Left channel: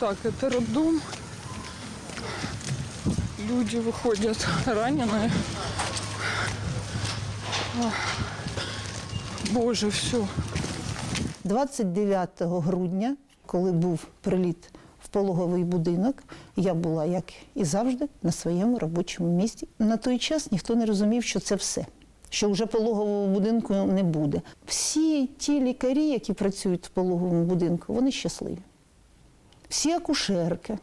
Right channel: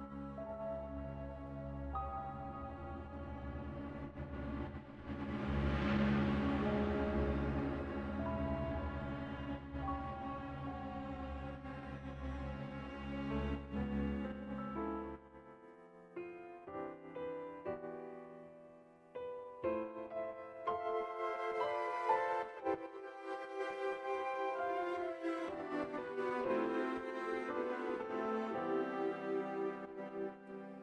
Так, это роддом. Люди выходят раненые. Ах. Боже, все. 29 грудня, коли був приліт в пологовий будинок, я була, як і завжди, на своєму робочому місці. На той час ніхто не розумів, що це все, що вже пологового будинку не буде. Всі ті лікарі, які працюють в пологовому будинку, вони щасливі. Всі акушерки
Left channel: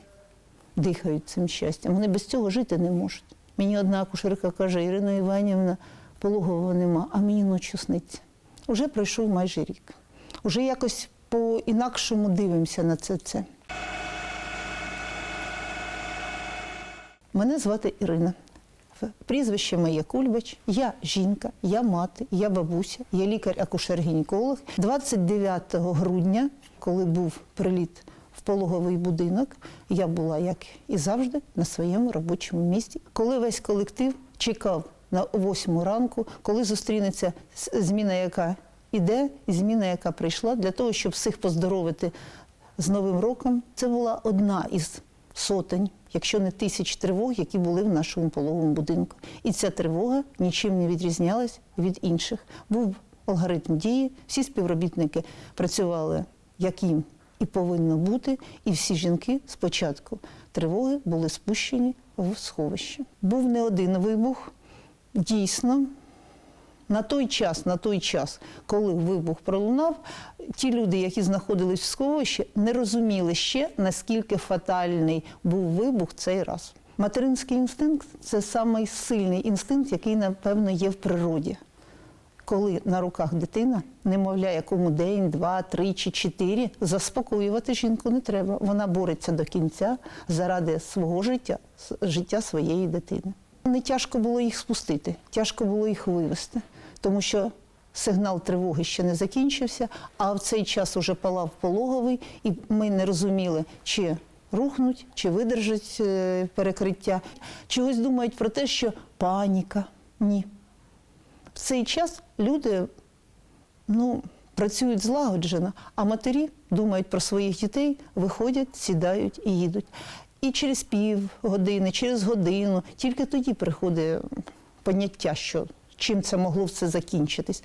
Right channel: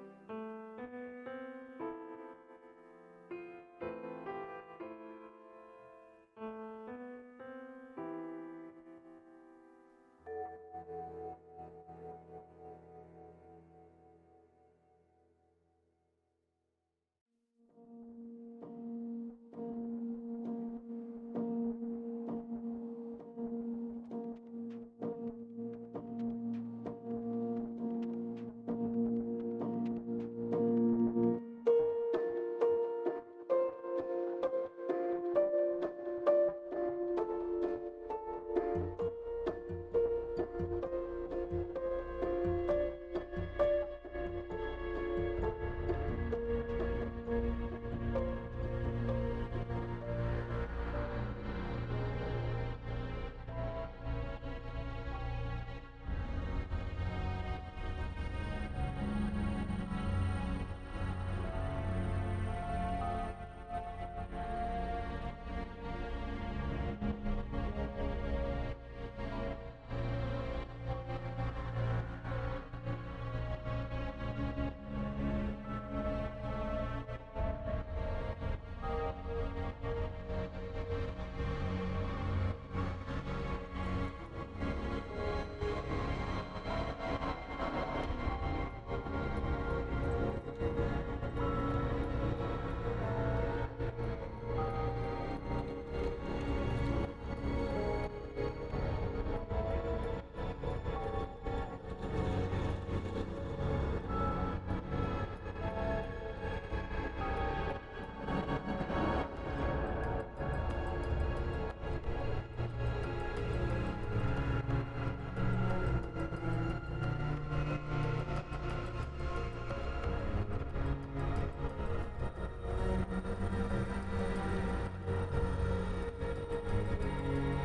дихають цим щастям. Вони без цього жити не можуть. Мені одна акушерка каже, Ірина Іванівна, пологового нема, а мені ночі сниться. Уже пройшов майже рік. Уже якось по-інакшому дивимося на це все. Мене звати Ірина. Прізвище моє Кульбач. Я жінка, я мати, я бабуся, я лікар-акушер-гінеколог. 29 грудня, коли був приліт в пологовий будинок, я була, як і завжди, на своєму робочому місці. Коли весь колектив чекав на 8 ранку, коли зустрінеться зміна, яка іде, і зміна, яка прийшла, для того, щоб всіх поздоровити з Новим роком, це була одна із сотень, якщо не тисяч тривог, які були в нашому пологовому будинку. І ця тривога нічим не відрізнялась від інших. Був алгоритм дії, всі співробітники працювали, як їм і повинно бути, і всі жінки спочатку тривоги були спущені в сховище. Був не один вибух. Дійсно, на той час, на той час, коли вибух пролунав, ті люди, які знаходились в сховищі, не розуміли ще, наскільки фатальний був вибух цей раз. Материнський інстинкт це самий сильний інстинкт, який, напевно, є в природі. Коли на руках дитина, немовля, якому день, два, три чи чотири, заспокоювати жінку не треба. Вона бореться до кінця заради свого життя, життя своєї дитини. Не тяжко було їх спустити, тяжко було їх вивести, тому що сигнал тривоги ще не закінчився, а в цей час уже палав пологовий, і ми не розуміли, чи рухнуть, чи видержать е, перекриття. Чогось думають про те, що паніка. Ні. В цей час люди ну, працюють злагоджено, а матері думають про своїх дітей, виходять, сідають і їдуть. І через пів години, через годину, тільки тоді приходить поняття, що чим це могло все закінчитись.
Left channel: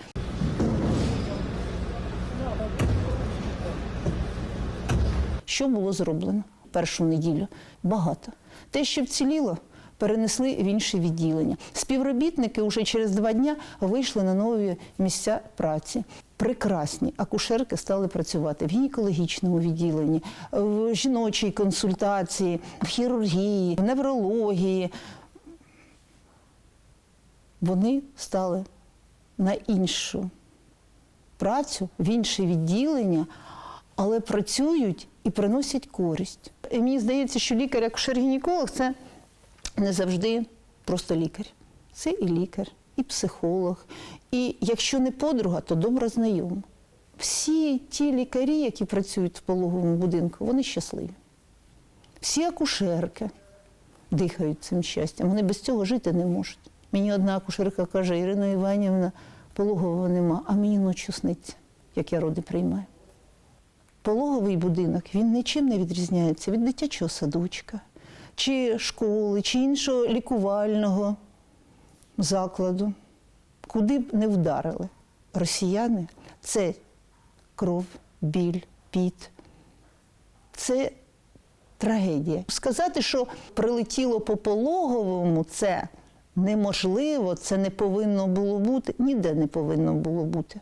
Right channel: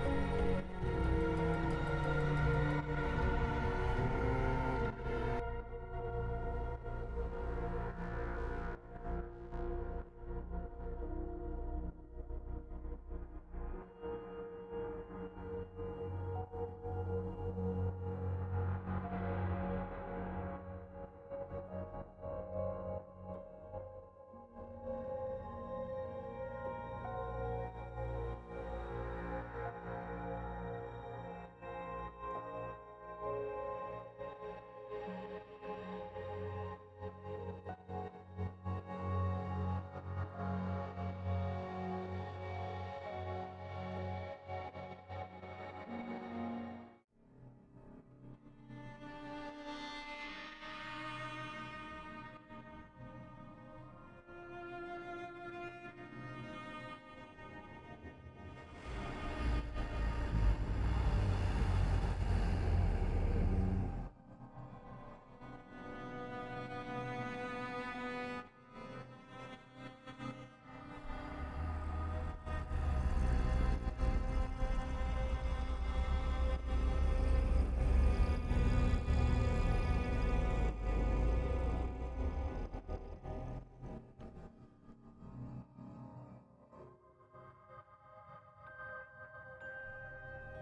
Що було зроблено першу неділю? Багато. Те, що вціліло, перенесли в інші відділення. Співробітники вже через два дні вийшли на нові місця праці. Прекрасні акушерки стали працювати в гінекологічному відділенні, в жіночій консультації, в хірургії, в неврології. Вони стали на іншу працю, в інше відділення, але працюють і приносять користь. І мені здається, що лікар акушер-гінеколог це не завжди просто лікар. Це і лікар, і психолог. І якщо не подруга, то добра знайома. Всі ті лікарі, які працюють в пологовому будинку, вони щасливі. Всі акушерки дихають цим щастям. Вони без цього жити не можуть. Мені одна акушерка каже, Ірина Іванівна, пологового нема, а мені ночі сниться, як я роди приймаю. Пологовий будинок він нічим не відрізняється від дитячого садочка, чи школи, чи іншого лікувального закладу. Куди б не вдарили росіяни, це кров, біль, піт. Це трагедія. Сказати, що прилетіло по пологовому, це неможливо, це не повинно було бути, ніде не повинно було бути.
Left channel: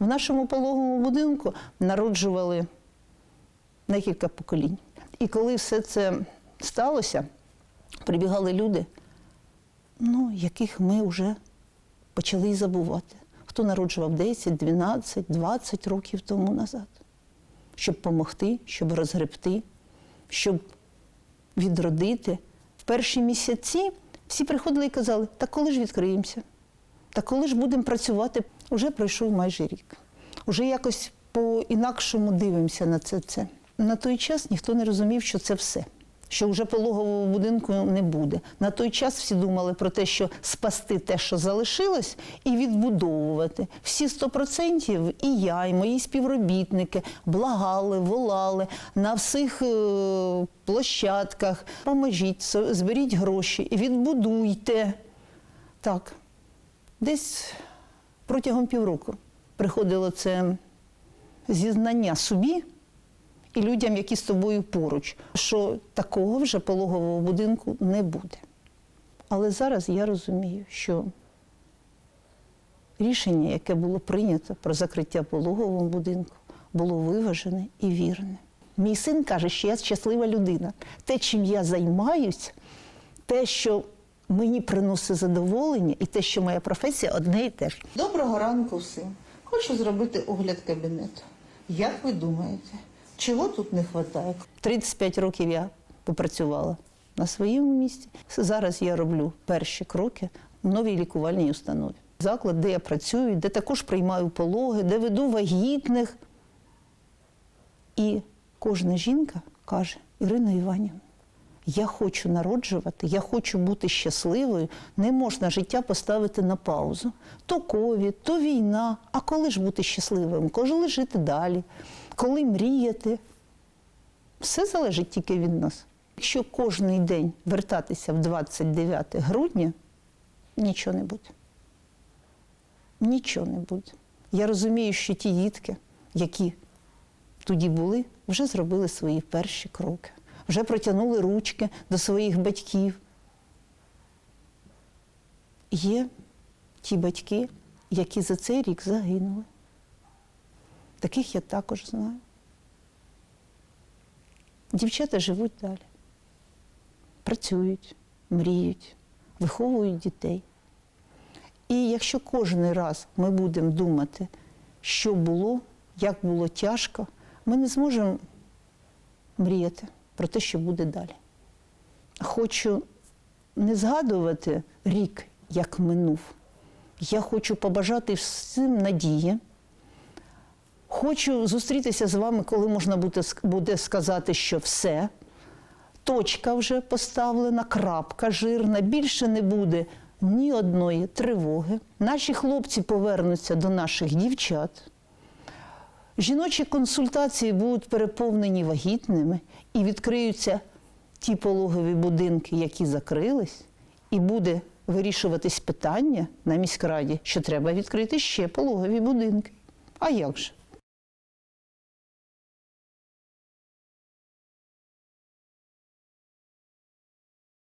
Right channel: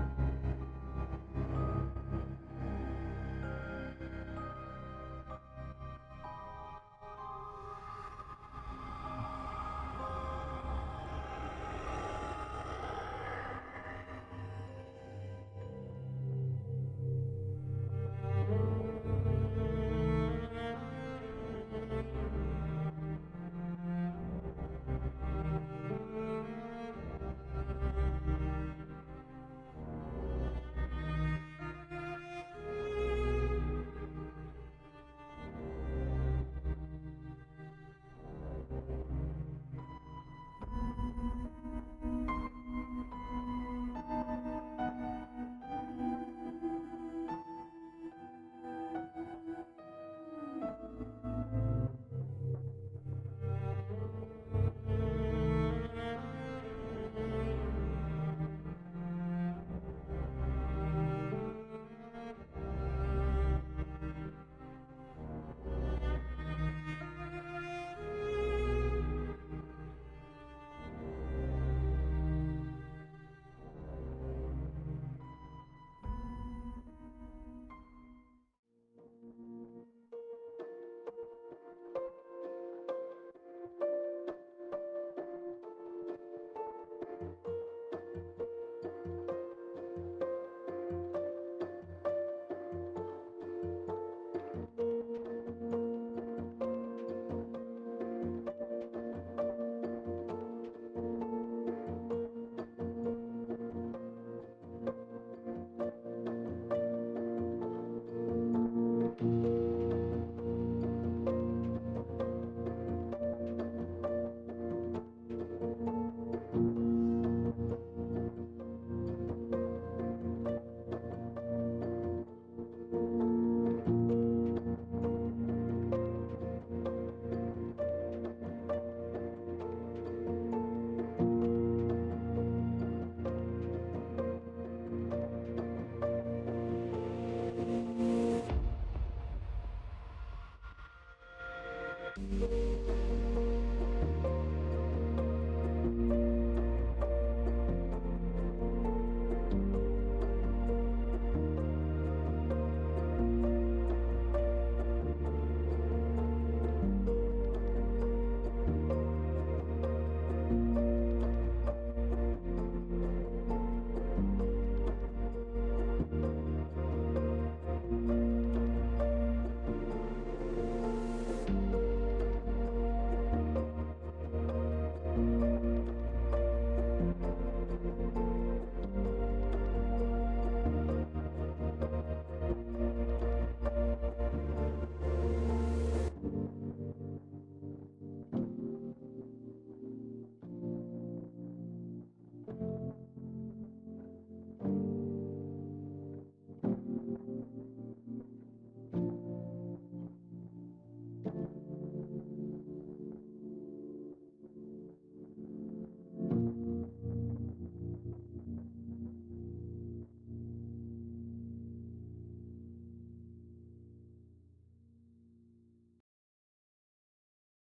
В нашому пологовому будинку народжували декілька поколінь. І коли все це сталося, прибігали люди, ну, яких ми вже почали й забувати. Хто народжував 10, 12, 20 років тому назад, щоб допомогти, щоб розгребти, щоб відродити. В перші місяці всі приходили і казали, та коли ж відкриємося? Та коли ж будемо працювати, вже пройшов майже рік. Уже якось по-інакшому дивимося на це все. На той час ніхто не розумів, що це все, що вже пологового будинку не буде. На той час всі думали про те, що спасти те, що залишилось, і відбудовувати. Всі 100% і я, і мої співробітники благали, волали на всіх е, площадках. Поможіть, зберіть гроші, відбудуйте. Так, десь протягом півроку приходило це зізнання собі і людям, які з тобою поруч, що такого вже пологового будинку не буде. Але зараз я розумію, що рішення, яке було прийнято про закриття пологового будинку, було виважене і вірне. Мій син каже, що я щаслива людина. Те, чим я займаюсь, те, що мені приносить задоволення, і те, що моя професія одне і те ж. Доброго ранку всім. Хочу зробити огляд кабінету. Як ви думаєте, чого тут не вистачає? 35 років я попрацювала на своєму місці. Зараз я роблю перші кроки в новій лікувальній установі. Заклад, де я працюю, де також приймаю пологи, де веду вагітних. І кожна жінка каже: Ірина Іванівна, я хочу народжувати, я хочу бути щасливою. Не можна життя поставити на паузу. То ковід, то війна. А коли ж бути щасливим? Коли жити далі? Коли мріяти? Все залежить тільки від нас. Якщо кожен день вертатися в 29 грудня, нічого не буде. Нічого не буде. Я розумію, що ті дітки, які тоді були, вже зробили свої перші кроки, вже протягнули ручки до своїх батьків. Є ті батьки, які за цей рік загинули. Таких я також знаю. Дівчата живуть далі, працюють, мріють, виховують дітей. І якщо кожен раз ми будемо думати, що було, як було тяжко, ми не зможемо мріяти про те, що буде далі. Хочу не згадувати рік, як минув. Я хочу побажати всім надії. Хочу зустрітися з вами, коли можна буде, сказати, що все. Точка вже поставлена, крапка жирна, більше не буде ні одної тривоги. Наші хлопці повернуться до наших дівчат. Жіночі консультації будуть переповнені вагітними і відкриються ті пологові будинки, які закрились, і буде вирішуватись питання на міськраді, що треба відкрити ще пологові будинки. А як же?